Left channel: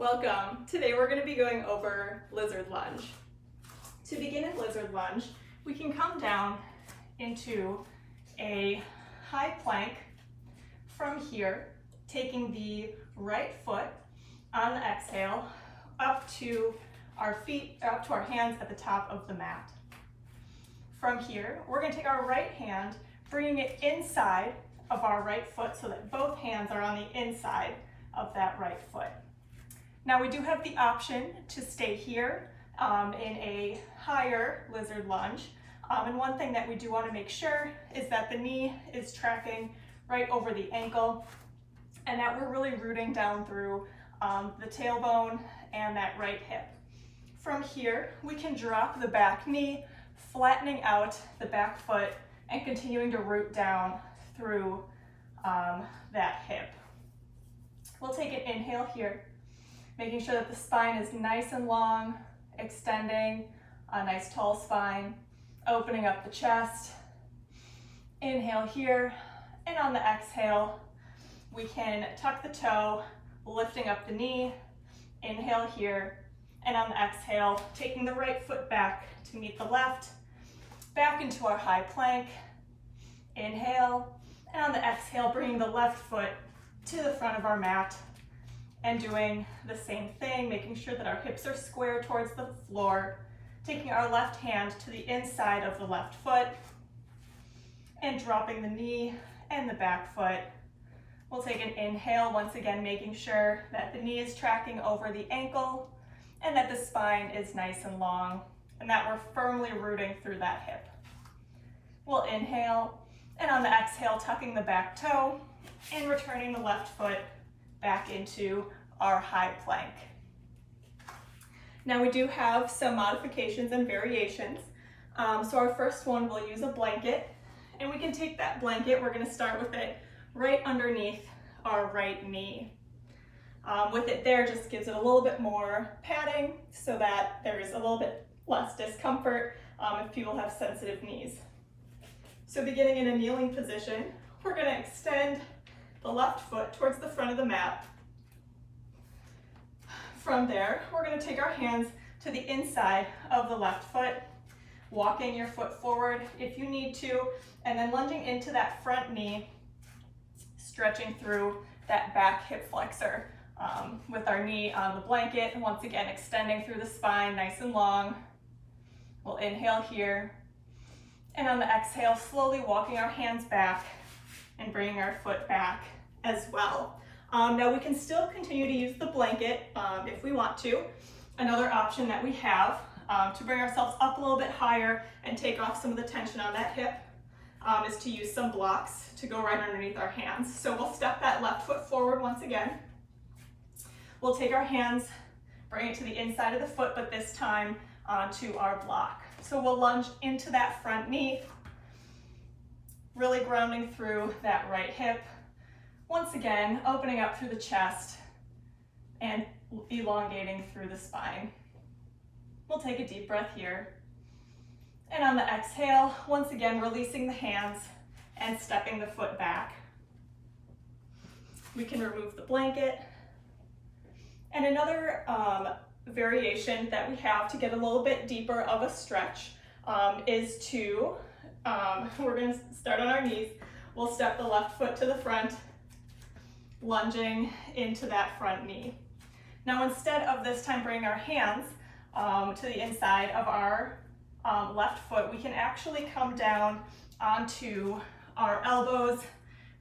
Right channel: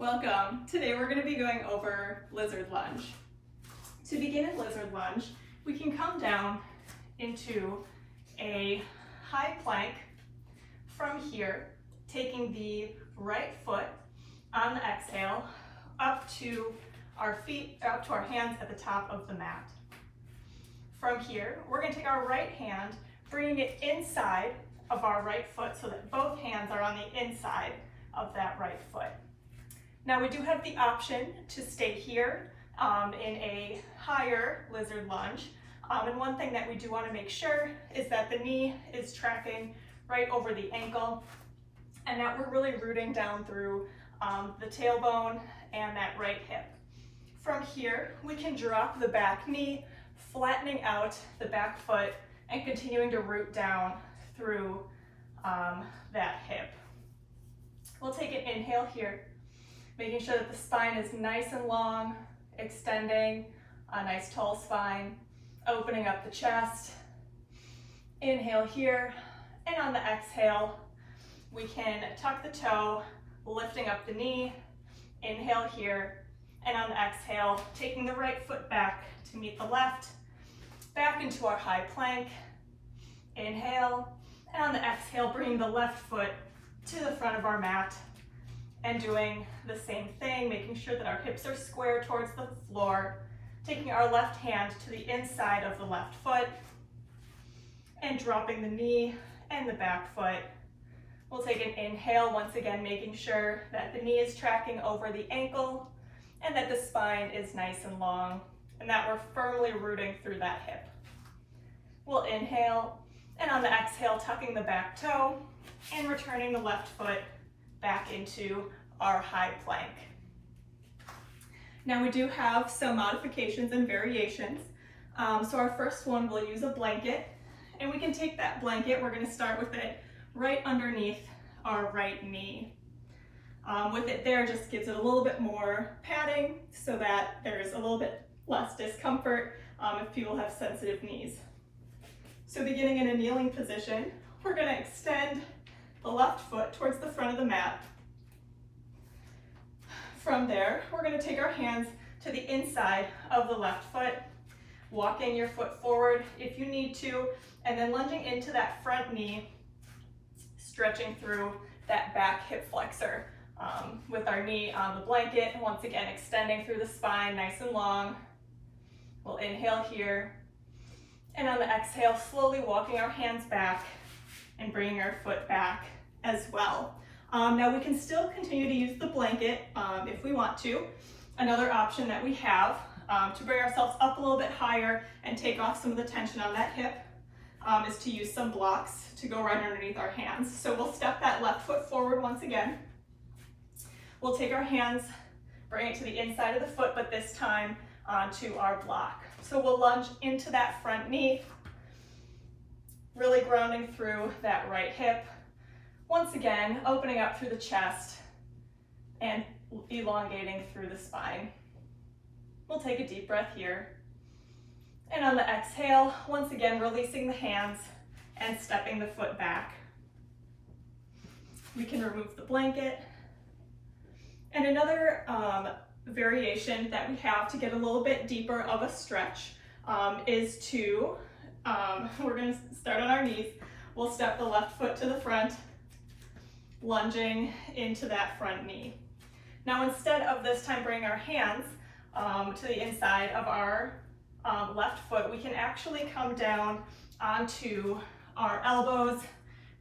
Welcome. Today we're going to be going over lizard lunge. To begin in lizard lunge, we can come down into a high plank from here, taking the right foot on the exhale up to our feet, up to our hands at the top of the mat. From here, we're going to take our right hand, bringing it inside of our right foot so that both hands are on the inside of that right foot. Now we do have the option to stay here in a higher lizard lunge. And one thing that we do want to make sure is that the knee is tracking right over the ankle and that we're really rooting down through the tailbone and that right hip. From here, we can drop the back knee, flattening out the back foot and continuing to root down through that hip. We'll take an inhale here, making sure that the spine is nice and long, extending a nice tall spine, opening up the chest. Inhale here, and on the exhale, we can tuck the toe, lifting up the knee. Inhale here, and on the exhale, taking the right foot back to meet the left, back into our high plank. Inhale, and on the exhale, bringing the left foot to the front of our mat and doing the same thing, making sure that our hips are square towards the floor, taking our left hand to the inside of the left foot and dropping the knee and the back foot. We'll take an inhale, once again making sure that the knee is tracking over the ankle and that the spine is nice and long and that we're firmly rooting through that hip. We'll inhale, and on the exhale, tucking the back toe and returning the left foot back into our high plank. Now we do have some modifications and variations. So our first one, we'll use a blanket, and we can take that blanket, we're going to start with it right underneath our right knee. With it there, just gives it a little bit more padding so that there's a little bit less discomfort if people have sensitive knees. So beginning in a kneeling position, we're going to extend the left foot towards the front of the mat. From there, we're going to take our hands to the inside of the left foot, walking your foot forward if you need to, and then lunging into that front knee, stretching through that back hip flexor with our knee on the blanket, and once again extending through the spine nice and long. We'll inhale here, and on the exhale, slowly walking our hands back and bringing our foot back as well. Now we can still continue to use the blanket if we want to. Another option that we have to bring ourselves up a little bit higher and take off some of the tension on that hip is to use some blocks to go right underneath our hands. So we'll step that left foot forward once again. We'll take our hands, bring it to the inside of the foot, but this time onto our block. So we'll lunge into that front knee, really grounding through that right hip. Once again, opening up through the chest and elongating through the spine. We'll take a deep breath here. And on the exhale, once again, releasing the hands and stepping the foot back. We can remove the blanket. And another variation that we have to get a little bit deeper of a stretch is to, we're going to start on our knees. We'll step the left foot to the front, lunging into that front knee. Now instead of this time bringing our hands to the inside of our left foot, we can actually come down onto our elbows,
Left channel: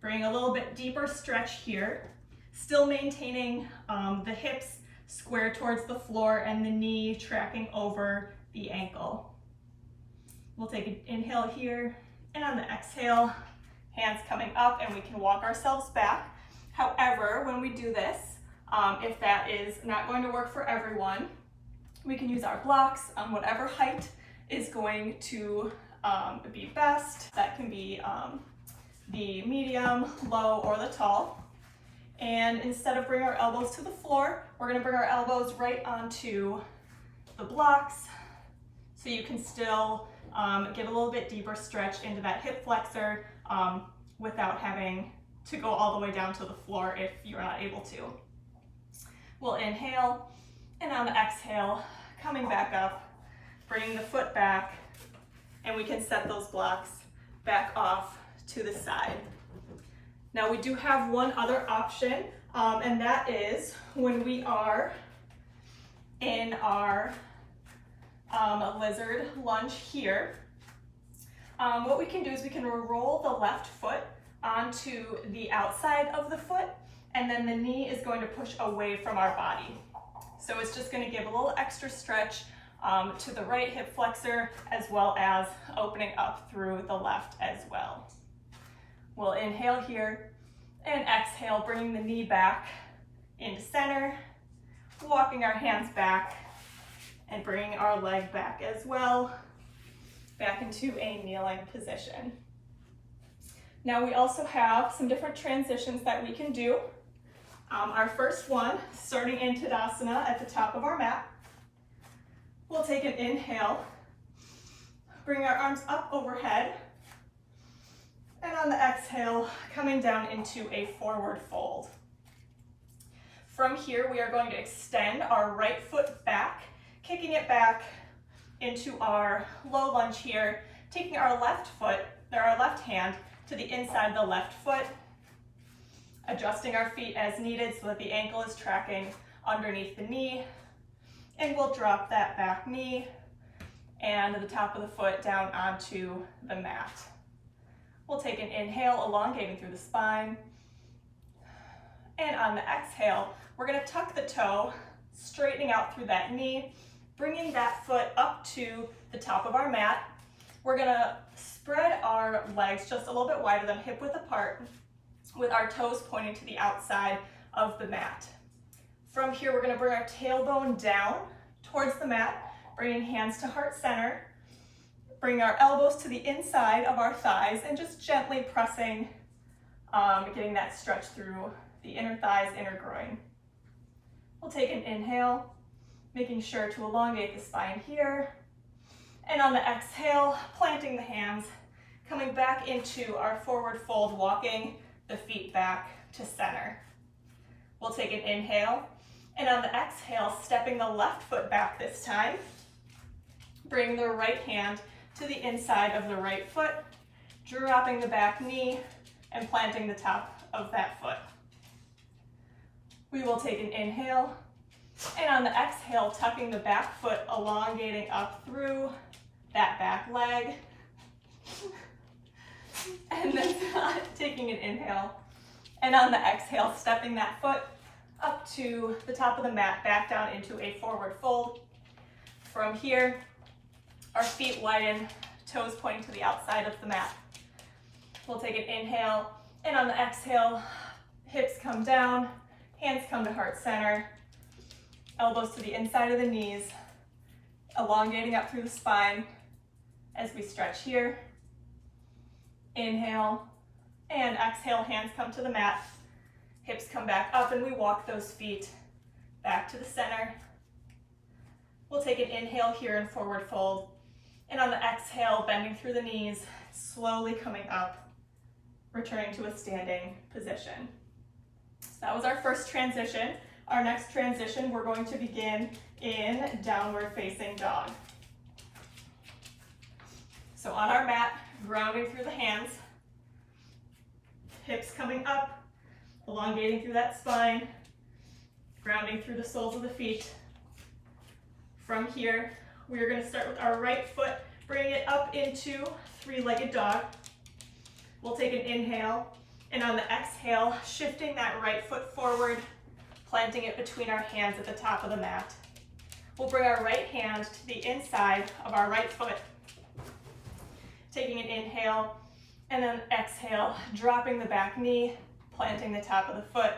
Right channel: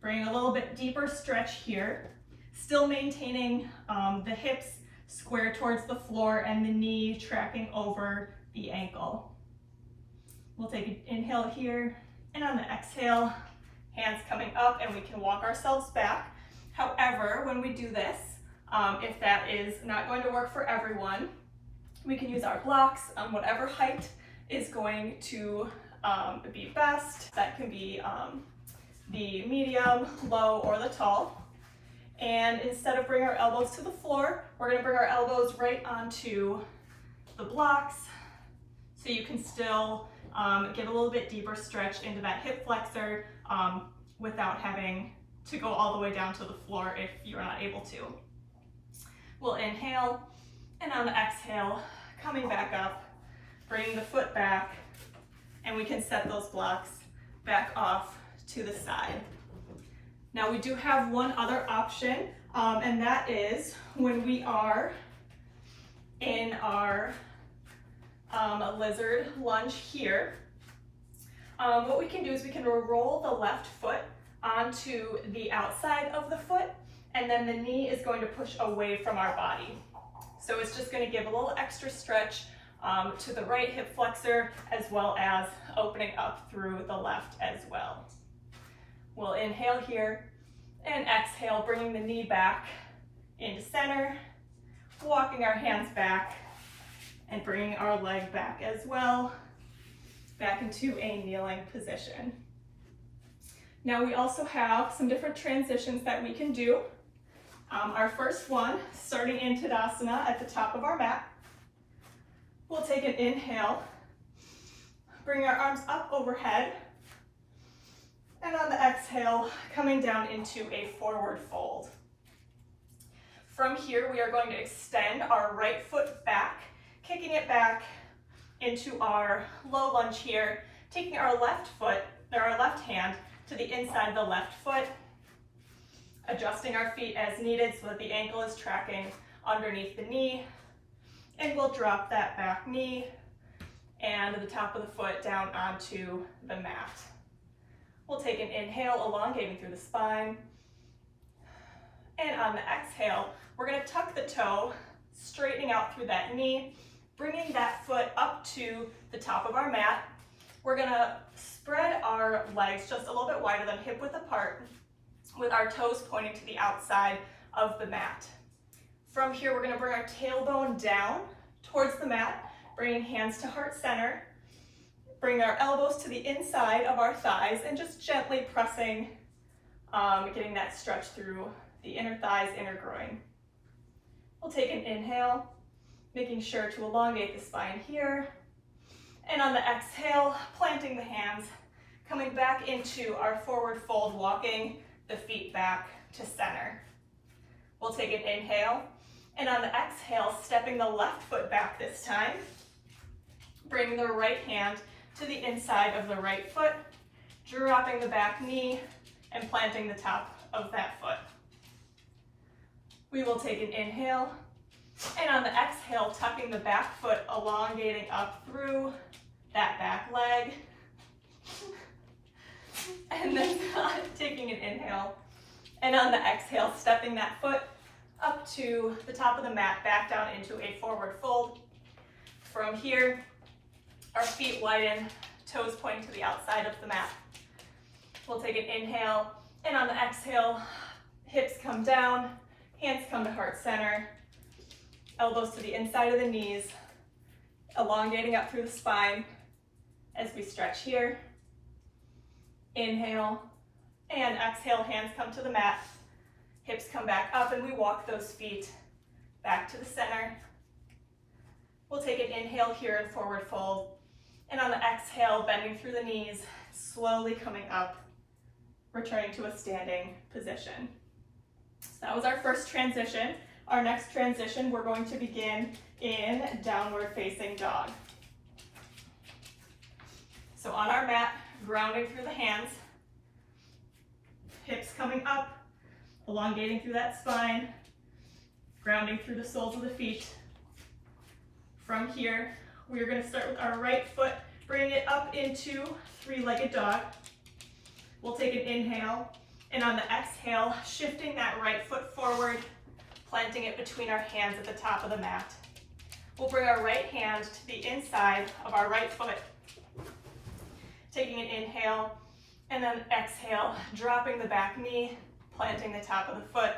bring a little bit deeper stretch here, still maintaining the hips square towards the floor and the knee tracking over the ankle. We'll take an inhale here, and on the exhale, hands coming up, and we can walk ourselves back. However, when we do this, if that is not going to work for everyone, we can use our blocks on whatever height is going to be best. That can be the medium, low, or the tall. And instead of bringing our elbows to the floor, we're going to bring our elbows right onto the blocks so you can still get a little bit deeper stretch into that hip flexor without having to go all the way down to the floor if you're not able to. We'll inhale, and on the exhale, coming back up, bringing the foot back, and we can set those blocks back off to the side. Now we do have one other option, and that is when we are in our lizard lunge here. What we can do is we can roll the left foot onto the outside of the foot, and then the knee is going to push away from our body. So it's just going to give a little extra stretch to the right hip flexor, as well as opening up through the left as well. We'll inhale here and exhale, bringing the knee back into center, walking our hands back and bringing our leg back as well, back into a kneeling position. Now we also have some different transitions that we can do. Our first one, starting in Tadasana at the top of our mat. We'll take an inhale, bring our arms up overhead, and on the exhale, coming down into a forward fold. From here, we are going to extend our right foot back, kicking it back into our low lunge here, taking our left foot, or our left hand, to the inside of the left foot, adjusting our feet as needed so that the ankle is tracking underneath the knee, and we'll drop that back knee and the top of the foot down onto the mat. We'll take an inhale, elongating through the spine, and on the exhale, we're going to tuck the toe, straightening out through that knee, bringing that foot up to the top of our mat. We're going to spread our legs just a little bit wider than hip width apart, with our toes pointing to the outside of the mat. From here, we're going to bring our tailbone down towards the mat, bringing hands to heart center, bring our elbows to the inside of our thighs, and just gently pressing, getting that stretch through the inner thighs, inner groin. We'll take an inhale, making sure to elongate the spine here, and on the exhale, planting the hands, coming back into our forward fold, walking the feet back to center. We'll take an inhale, and on the exhale, stepping the left foot back this time, bring the right hand to the inside of the right foot, dropping the back knee and planting the top of that foot. We will take an inhale, and on the exhale, tucking the back foot, elongating up through that back leg, and then taking an inhale, and on the exhale, stepping that foot up to the top of the mat, back down into a forward fold. From here, our feet widen, toes pointing to the outside of the mat. We'll take an inhale, and on the exhale, hips come down, hands come to heart center, elbows to the inside of the knees, elongating up through the spine as we stretch here. Inhale, and exhale, hands come to the mat, hips come back up, and we walk those feet back to the center. We'll take an inhale here in forward fold, and on the exhale, bending through the knees, slowly coming up, returning to a standing position. So that was our first transition. Our next transition, we're going to begin in downward facing dog. So on our mat, grounding through the hands, hips coming up, elongating through that spine, grounding through the soles of the feet. From here, we are going to start with our right foot, bringing it up into three-legged dog. We'll take an inhale, and on the exhale, shifting that right foot forward, planting it between our hands at the top of the mat. We'll bring our right hand to the inside of our right foot, taking an inhale, and then exhale, dropping the back knee, planting the top of the foot,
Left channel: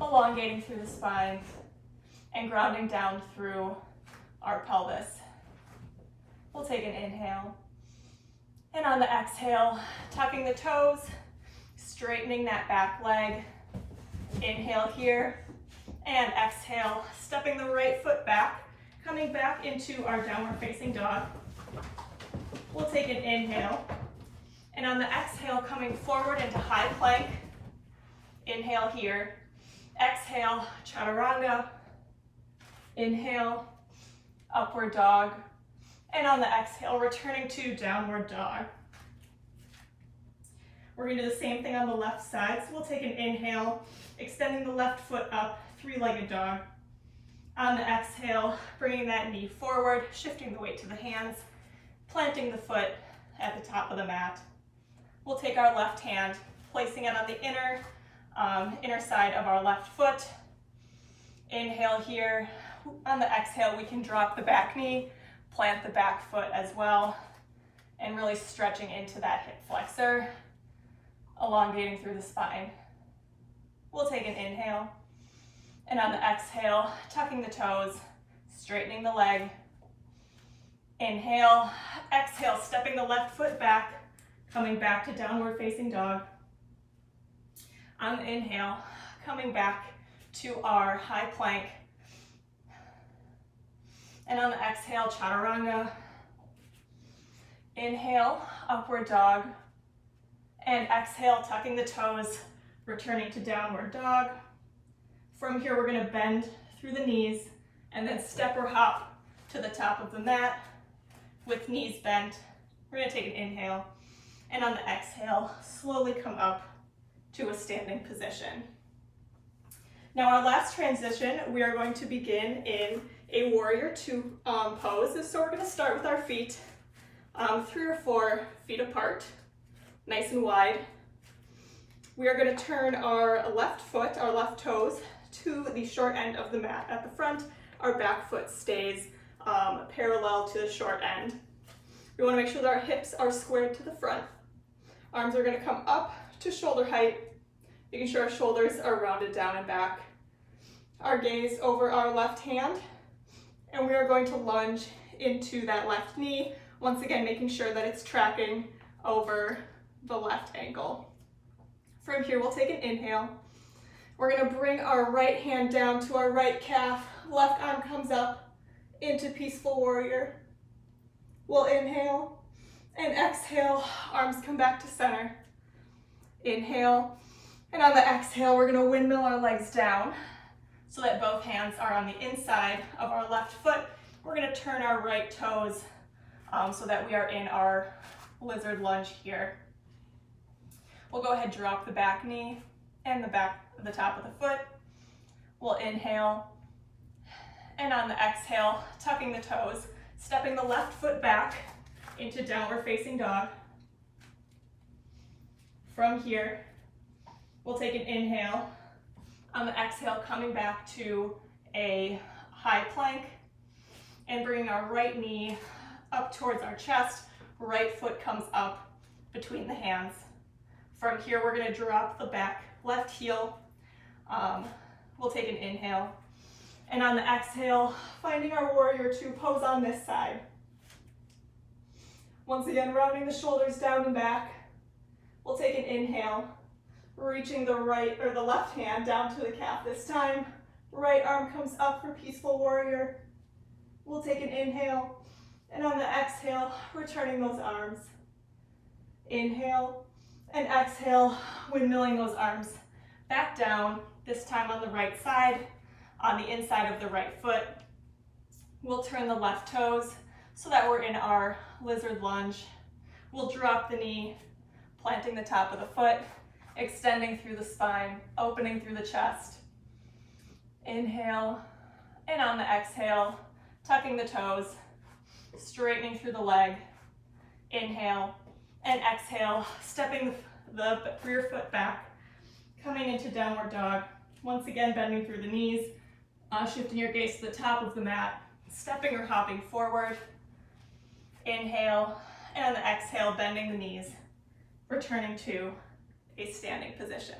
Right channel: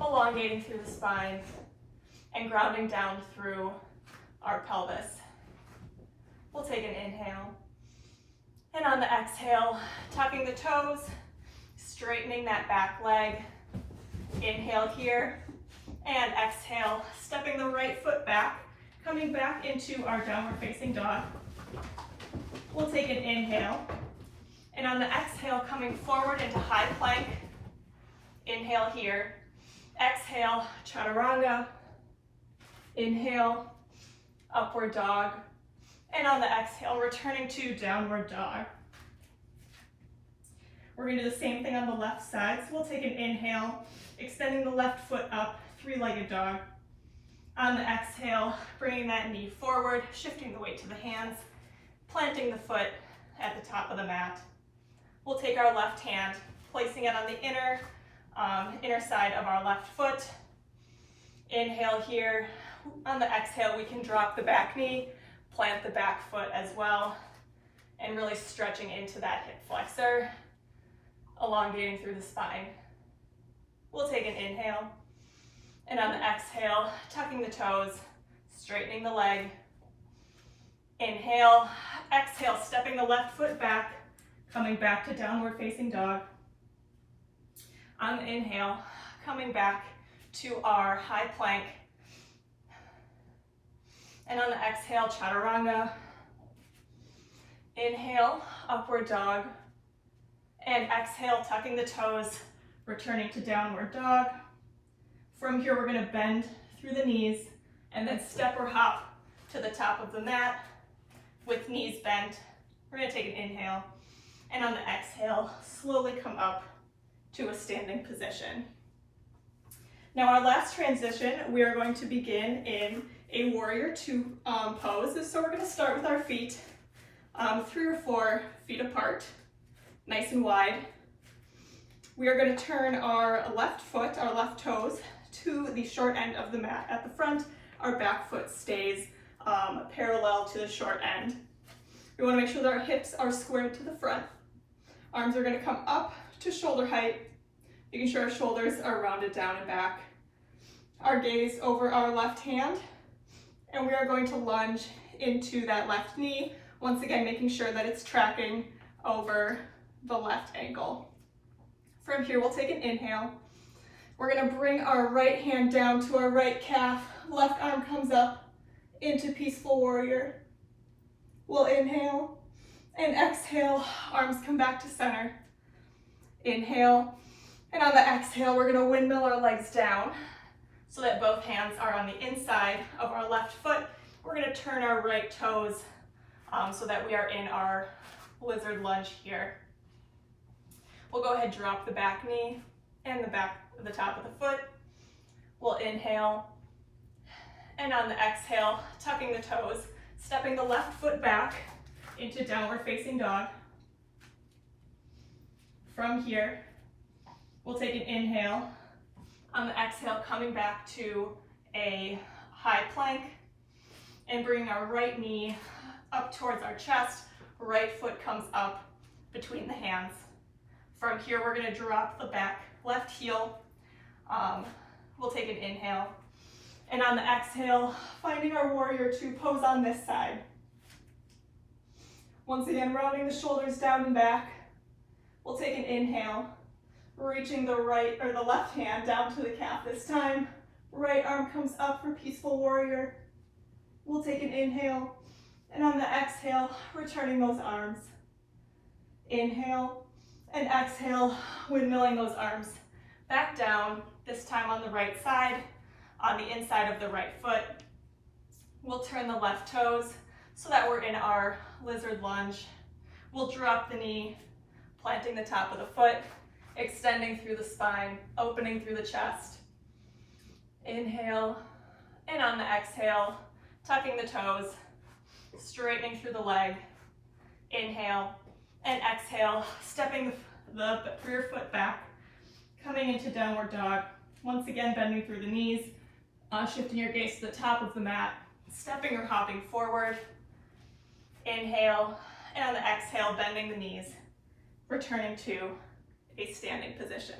elongating through the spine, and grounding down through our pelvis. We'll take an inhale, and on the exhale, tucking the toes, straightening that back leg. Inhale here, and exhale, stepping the right foot back, coming back into our downward facing dog. We'll take an inhale, and on the exhale, coming forward into high plank. Inhale here, exhale, chaturanga, Inhale, upward dog. And on the exhale, returning to downward dog. We're going to do the same thing on the left side. So we'll take an inhale, extending the left foot up, three-legged dog. On the exhale, bringing that knee forward, shifting the weight to the hands, planting the foot at the top of the mat. We'll take our left hand, placing it on the inner side of our left foot. Inhale here. On the exhale, we can drop the back knee, plant the back foot as well, and really stretching into that hip flexor, elongating through the spine. We'll take an inhale, and on the exhale, tucking the toes, straightening the leg. Inhale, exhale, stepping the left foot back, coming back to downward facing dog. On the inhale, coming back to our high plank. And on the exhale, chaturanga. Inhale, upward dog. And exhale, tucking the toes, returning to downward dog. From here, we're going to bend through the knees and then step or hop to the top of the mat with knees bent. We're going to take an inhale, and on the exhale, slowly come up to a standing position. Now our last transition, we are going to begin in a warrior two pose. So we're going to start with our feet 3 or 4 feet apart, nice and wide. We are going to turn our left foot, our left toes, to the short end of the mat at the front. Our back foot stays parallel to the short end. We want to make sure that our hips are squared to the front. Arms are going to come up to shoulder height, making sure our shoulders are rounded down and back. Our gaze over our left hand, and we are going to lunge into that left knee, once again making sure that it's tracking over the left ankle. From here, we'll take an inhale. We're going to bring our right hand down to our right calf, left arm comes up into peaceful warrior. We'll inhale and exhale, arms come back to center. Inhale, and on the exhale, we're going to windmill our legs down so that both hands are on the inside of our left foot. We're going to turn our right toes so that we are in our lizard lunge here. We'll go ahead and drop the back knee and the top of the foot. We'll inhale, and on the exhale, tucking the toes, stepping the left foot back into downward facing dog. From here, we'll take an inhale. On the exhale, coming back to a high plank and bringing our right knee up towards our chest. Right foot comes up between the hands. From here, we're going to drop the back left heel. We'll take an inhale. And on the exhale, finding our warrior two pose on this side. Once again, rounding the shoulders down and back. We'll take an inhale, reaching the left hand down to the calf this time. Right arm comes up for peaceful warrior. We'll take an inhale, and on the exhale, returning those arms. Inhale and exhale, windmilling those arms back down, this time on the right side, on the inside of the right foot. We'll turn the left toes so that we're in our lizard lunge. We'll drop the knee, planting the top of the foot, extending through the spine, opening through the chest. Inhale, and on the exhale, tucking the toes, straightening through the leg. Inhale, and exhale, stepping the rear foot back, coming into downward dog. Once again, bending through the knees, shifting your gaze to the top of the mat, stepping or hopping forward. Inhale, and on the exhale, bending the knees, returning to a standing position.